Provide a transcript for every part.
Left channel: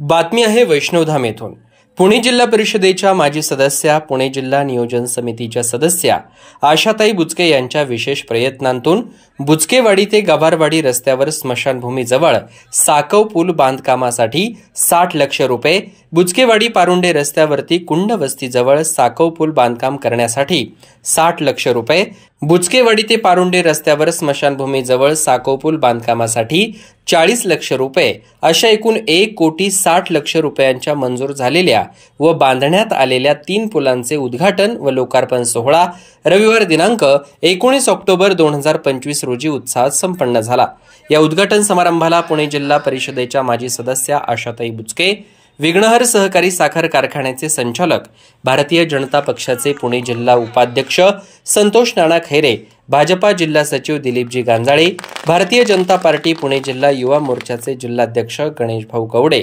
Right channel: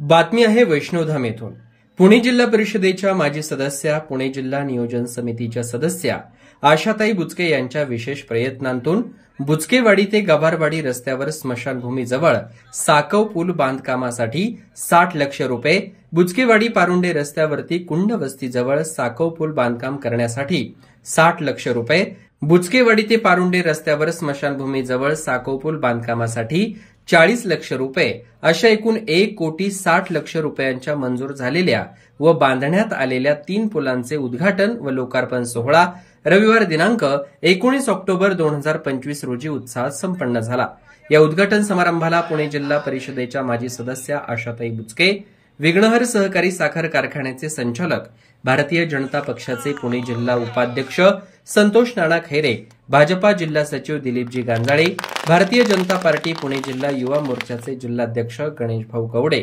बातमी आहे वैष्णवधाम येथून। पुणे जिल्हा परिषदेच्या माजी सदस्या, पुणे जिल्हा नियोजन समितीच्या सदस्या आशाताई बुचके यांच्या विशेष प्रयत्नांतून बुचकेवाडी ते गवारवाडी रस्त्यावर स्मशानभूमीजवळ साकव पूल बांधकामासाठी 60 लाख रुपये, बुचकेवाडी पारुंडे रस्त्यावरती कुंड वस्तीजवळ साकव पूल बांधकाम करण्यासाठी 60 लाख रुपये, बुचकेवाडी ते पारुंडे रस्त्यावर स्मशानभूमीजवळ साकव पूल बांधकामासाठी 40 लाख रुपये अशा एकूण 1,60,00,000 रुपयांच्या मंजूर झालेल्या व बांधण्यात आलेल्या 3 पुलांचे उद्घाटन व लोकार्पण सोहळा रविवार दिनांक 19 ऑक्टोबर 2025 रोजी उत्साहात संपन्न झाला। या उद्घाटन समारंभाला पुणे जिल्हा परिषदेच्या माजी सदस्या आशाताई बुचके, विघ्नहर सहकारी साखर कारखान्याचे संचालक, भारतीय जनता पक्षाचे पुणे जिल्हा उपाध्यक्ष संतोष नाना खैरे, भाजपा जिल्हा सचिव दिलीपजी गांजाळे, भारतीय जनता पार्टी पुणे जिल्हा युवा मोर्चाचे जिल्हाध्यक्ष गणेश भाऊ गवडे,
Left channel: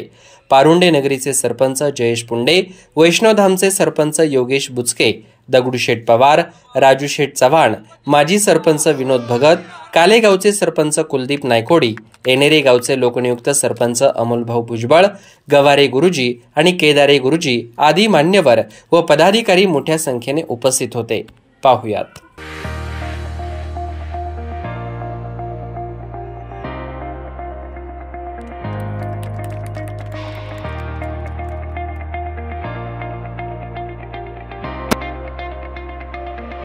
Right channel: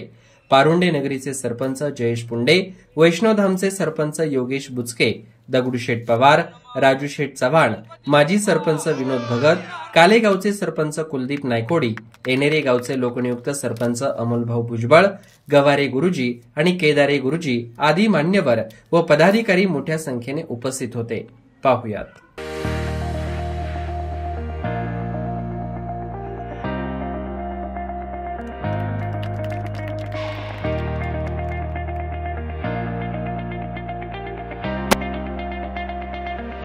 पारुंडे नगरीचे सरपंच जयेश पुंडे, वैष्णवधामचे सरपंच योगेश बुचके, दगडूशेठ पवार, राजूशेठ चव्हाण, माजी सरपंच विनोद भगत, कालेगावचे सरपंच कुलदीप नायकोडी, एनेरे गावचे लोकनियुक्त सरपंच अमोलभाऊ भुजबळ, गवारे गुरुजी आणि केदारे गुरुजी आदी मान्यवर व पदाधिकारी मोठ्या संख्येने उपस्थित होते। पाहुयात।